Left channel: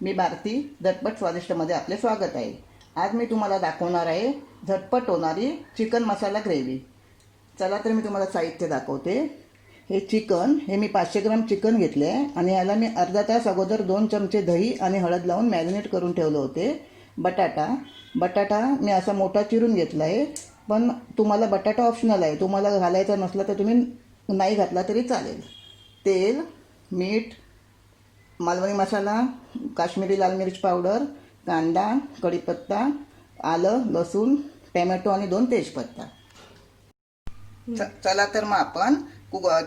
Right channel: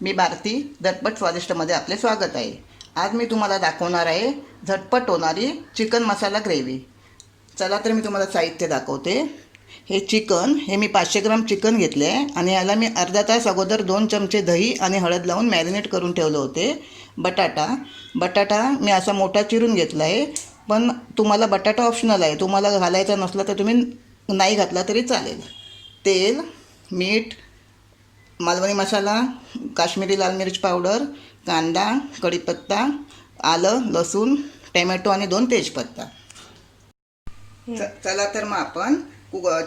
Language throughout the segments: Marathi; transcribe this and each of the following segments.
मी भारती झटपट स्वादिष्टमध्ये आपले स्वागत आहे। आज मी तुम्हाला दाखवणार आहे झटपट होणारी चिकन मसाला ग्रेव्ही। चला तर मी तुम्हाला साहित्य दाखवते। हे चिकन हे मी 500 ग्राम चिकन घेतले आहे आणि याला मी अर्धा तास अगोदर 2 चमचे दही आणि हळद लावून मॅरिनेट करून ठेवले होते। बटाटा मी असा मोठा चिरून घेतला आहे, पण तुम्हाला बटाटा ऑप्शनल आहे, तुम्हाला घालायचा नसला तर तुम्ही नाही घातला तरी चालेल। तेल, मीठ, मालवणी मसाला, काश्मीरी लाल मिर्च पावडर, कांदा, कढीपत्ता, आलं, लसूण, टोमॅटो आणि 2 तेजपत्ता। चला तर मग आपण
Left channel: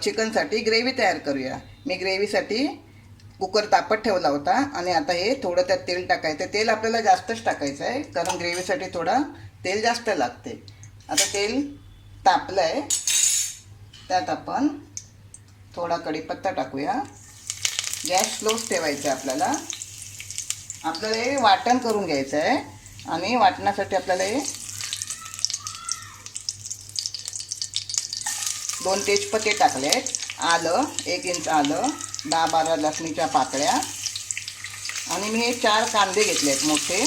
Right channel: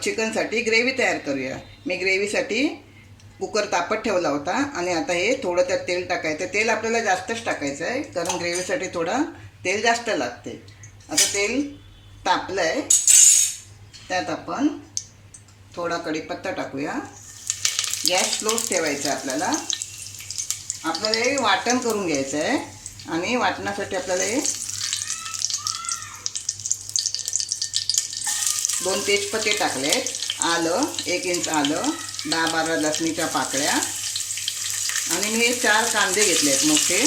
चिकनसाठी ग्रेव्ही तयार करूया। मी ग्रेव्हीसाठी कुकर तापत ठेवला होता आणि आता हे थोडं त्यात तेल टाकायचं। तेल आपल्याला जास्तच टाकायचं आहे कारण ग्रेव्हीसाठी थोडा तेल जास्त लागते। आता तेल तापलं आहे, त्यात आपण थोडा कढीपत्ता टाकूया। गॅस स्लोच ठेवायचा आहे। आपल्याला हे वाटण करून घ्यायचं आहे आणि वाटणासाठी आपल्याला हे 2 तेजपत्ते टाकले, आलं 1 इंच आलं, 10-12 लसणीच्या पाकळ्या आणि मी 4 कांदे घेतले आहेत मोठे।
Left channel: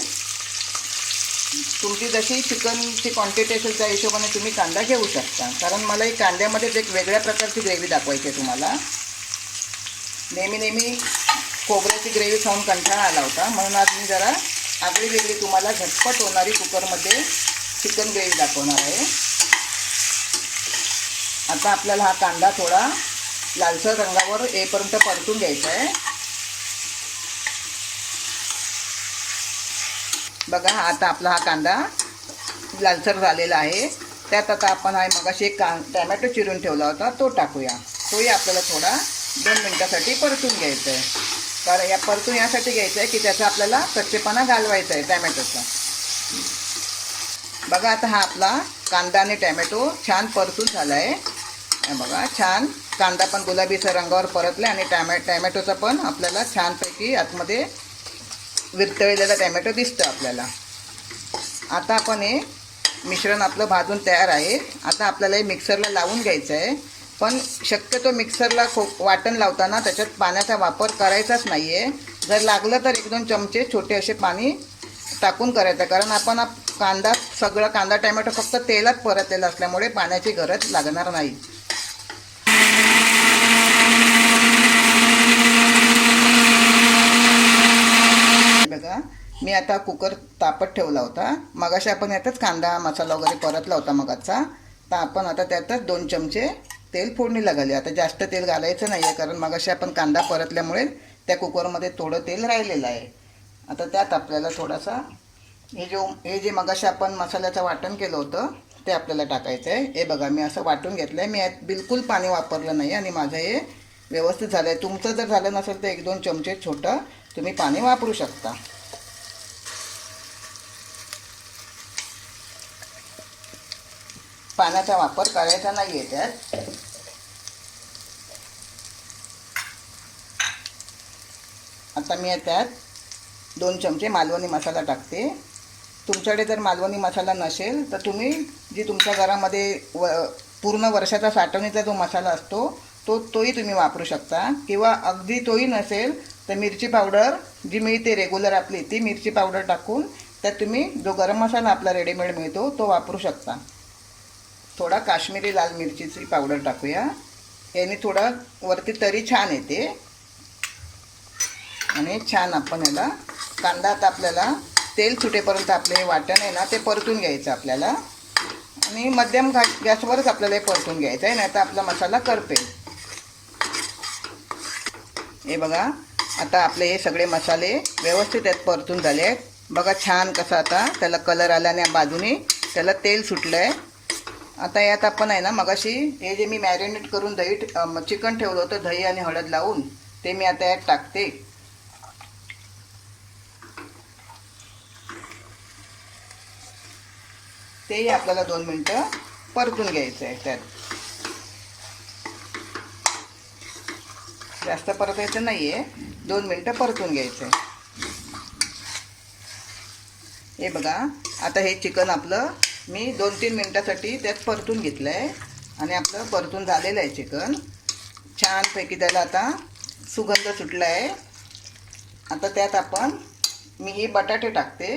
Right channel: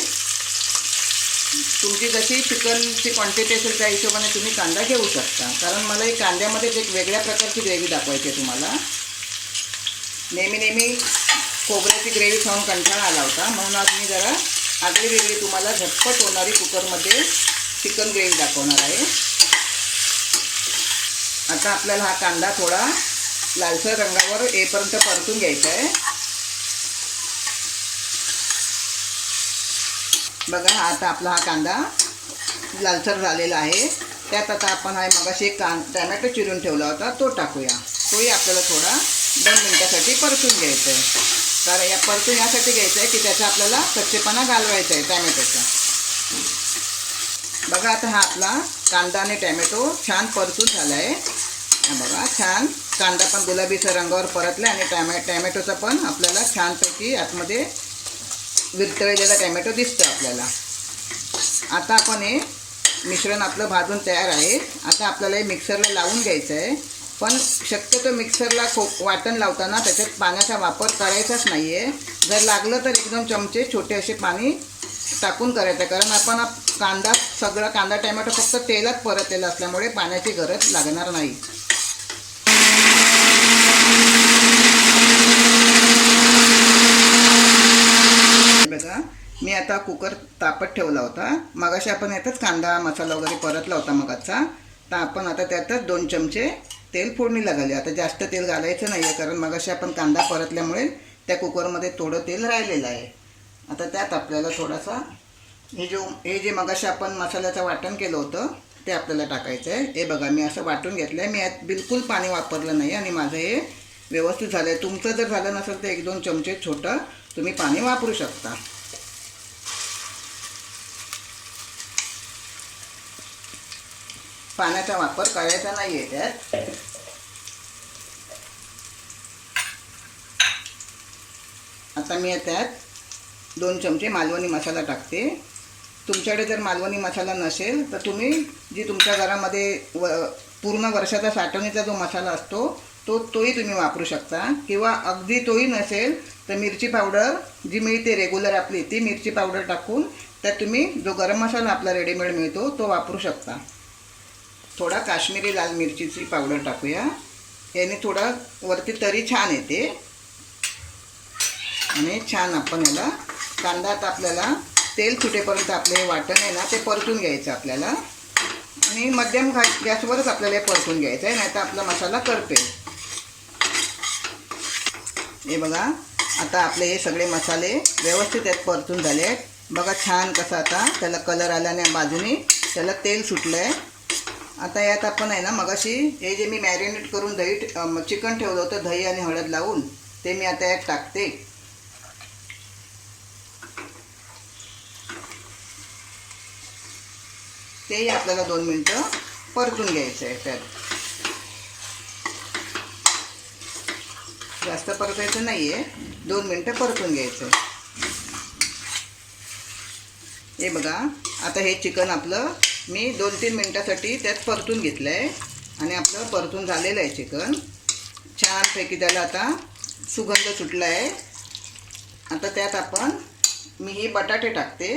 तुमची जशी चिकनची क्वांटिटी असेल त्या हिशोबाने तुम्ही कांदा घेऊ शकता, कारण मला एक कांद्यामध्येच एक वेगळ्या प्रकारची ग्रेव्ही दाखवायची आहे तुम्हाला। नेहमी खोबऱ्याची ग्रेव्ही खाऊन कंटाळा आला होता, म्हणून आज मी जरा आगळी वेगळी तुम्हाला झटपट होणारी कुकरमध्ये चिकन ग्रेव्ही दाखवणार आहे। आता आपल्याला हा कांदा थोडा लालसर रंगावर येईपर्यंत परतून घ्यायचा आहे। बघा आता आपला हा कांदा लालसर झालेला आहे। त्यात आता आपण हा मगाशी एक टोमॅटो चिरून ठेवला होता तो टाकूया। तोही आपल्याला थोडा 2 मिनिटासाठी परतून घ्यायचं आहे, कारण या परतून यासाठी घ्यायचं आहे की त्याचा आपल्याला कच्चेपणा घालवायचा आहे टोमॅटोचा। बघा आता हा आपला कांदा आणि टोमॅटो छान परतून झाला आहे। बघा छान कांदा पण गुलाबीच्या रंगावर परतला आणि टोमॅटोचा पण आपल्याला छानपैकी आतमध्ये विरतळलेला टोमॅटो दिसतं आपल्याला। आता आपण हे मिश्रण आपलं भाजून तयार आहे। आता आपल्याला हे मिक्सरला लावून घ्यायचं आहे, पण शक्यतो मिक्सरला वाटण लावताना त्याच्यात पाण्याचा वापर करायचाच नाही आहे। जर लागलं तर 1-2 चमचे छोटे असे पाणी टाकून करायचं, कारण आपण सगळा कांदा टोमॅटो फक्त तेलात परतलेला असल्यामुळे पाण्याची गरज लागणार नाही। बघा मी आता कुकर तापत ठेवला होता, मगाशी आपण यातच कांदा मसाला वगैरे परतला होता मगाचा, तर आपण आता त्यातच 2 चमचे तेल फोडणीला घालूया। आता जास्त तेल घालायचं नाही आहे, कारण मगाशी आपण कांदा परतल्यामुळे त्या कुकरमध्ये थोडं तेल राहिलेलं आहे। आता त्यात आपल्याला थोडासा हे जे मगाशी आपण मसाल्याचं वाटण केलं होतं ते आपल्याला टाकायचं आहे। हे बघा मी असं वाटून घेतलं आहे, मी यात बिलकुल पाणी वापरलं नाही आणि माझं हे व्यवस्थित झालं आहे। तुमचं जर झालं नसेल तर 1-2 चमचे छोटं तुम्ही पाणी वापरू शकता। पाण्याचा वापर करायचा नाही आहे त्यात। आता मी त्यात 2 चमचे मालवणी मसाला टाकते। तुमच्याकडे जर मालवणी मसाला नसेल तर तुम्ही जी तुमच्या घरामध्ये पूर्ण वर्षाचा साठवणीचा जो मसाला असतो तोही तुम्ही वापरू शकता, किंवा अगदी तोही नसेल तर मिरची पावडर जी मिळते रेग्युलर आपली ती मिरची पावडर टाकून त्यात तुम्ही जो गरम मसाला आपला रेडीमेड मिळतो तो वापरू शकता। थोडा काश्मीरी लाल मिरचीची पावडर टाकूया, याने थोडा वरती तरी छान येते आणि छान आपण याला कांदा आता आपल्याला तेल सुटेपर्यंत आपले हे वाटण आहे ना ते परतून घ्यायचं आपल्याला, आणि मध्यम गॅसवरच आपल्याला हे परतून घ्यायचं आहे, नाही तर आपला मसाला करपेल। हे बघा आता आपले हे सगळे मसाले व्यवस्थित यात परतून झाले आहेत। बघा छान कसा आता त्याला कलर आल्याने बाजूने त्याला तेल सुटलं आहे। आता यात आपण आहे ना मगाशी हे जे मी मॅरिनेट करून चिकन ठेवलं होतं दही आणि हळद लावून ते मी आता यात टाकते। तेही आपल्याला 2 मिनिटं परतून घ्यायचं आहे। त्यात जास्त परतायचं नाही आहे, 2 मिनिटं परतून घ्यायचं आहे। हे बघा आता हे चिकन आपलं मी 2-3 मिनिटासाठी त्यात परतून घेतलं आहे आणि आपलं परतून झालेलं आहे चिकन छानपैकी। त्याला आता सुगंध सुटला आहे आता त्यात आपण मी हे बटाटे टाकते.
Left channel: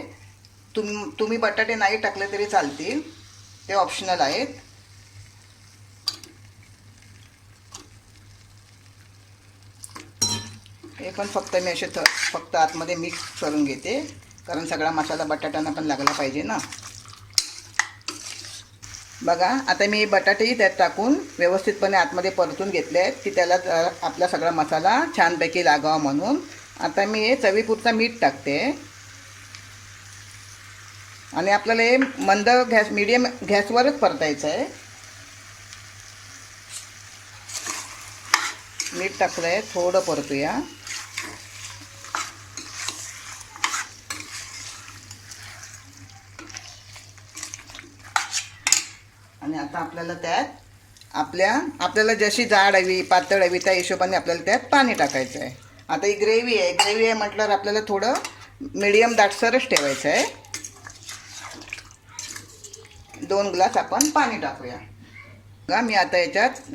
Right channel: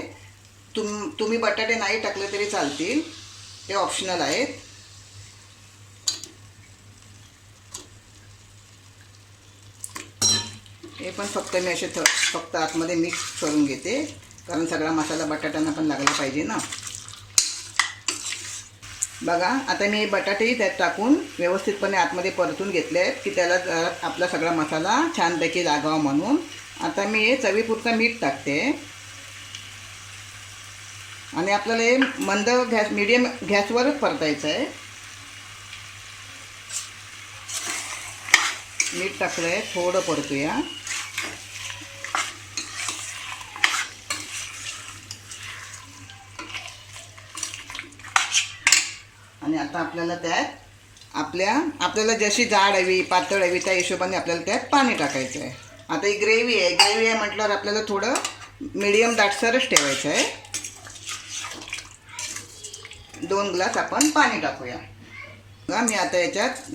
तुम्ही बटाटे नाही टाकले तरी चालतील, ते ऑप्शनल आहेत. हे पण फक्त मी असे फक्त आतमध्ये मिक्स करून घेते, कारण सगळा मसाला बटाट्यांना पण लागला पाहिजे ना. बघा आता मी बटाटेही त्यात टाकून व्यवस्थितपणे आतमध्ये परतून घेतले आहेत की त्याला आपला सगळा मसाला छानपैकी लागावा म्हणून. आता मी चवीपुरता मीठ टाकते आणि आपल्याला हे मंद गॅस मीडियम गॅसवरच परतायचं आहे. मीठ टाकलं आहे, थोडं परतूया. आणि आता आपल्याला त्यात आपल्याला जशी जाड हवी पातळ हवी त्या हिशोबाने आपल्याला त्यात पाणी टाकायचं आहे. आता ही ग्रेव्ही आहे म्हटल्यावर आपल्याला थोडं मीडियम दाटसरच ठेवायचं आहे. 2 ग्लास आपण पाणी टाकूया. बघा मी आता याच्यात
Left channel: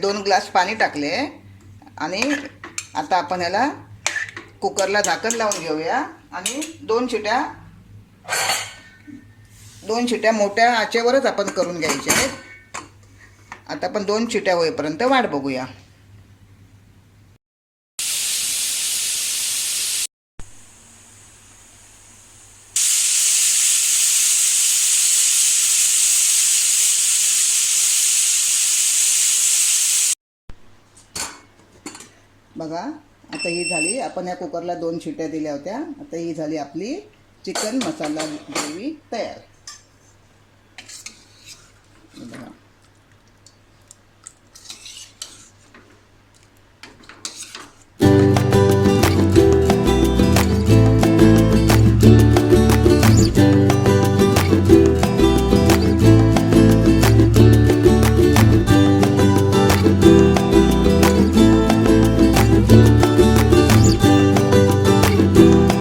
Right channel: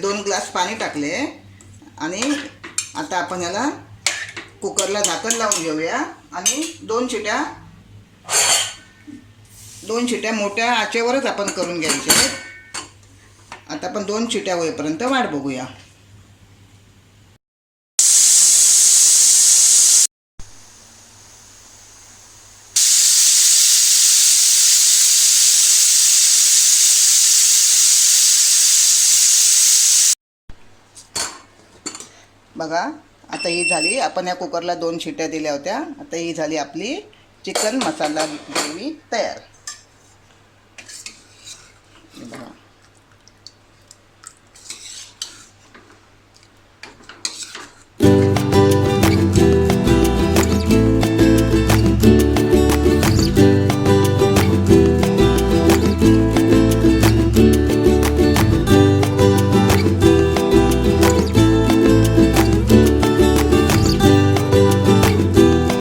2 ग्लास पाणी टाकले आणि आता आपण याला कुकरला झाकण लावून घेऊया आणि 2 शिट्या मोठ्या आचेवरच आपण करून घ्यायचे. आता आपण 2 शिट्या होईपर्यंत वाट बघूया. बघा आता ही झाली, आपण या कुकरला 2 शिट्या दिल्या होत्या. आता ही झाली आपली चिकन मसाला ग्रेव्ही तयार.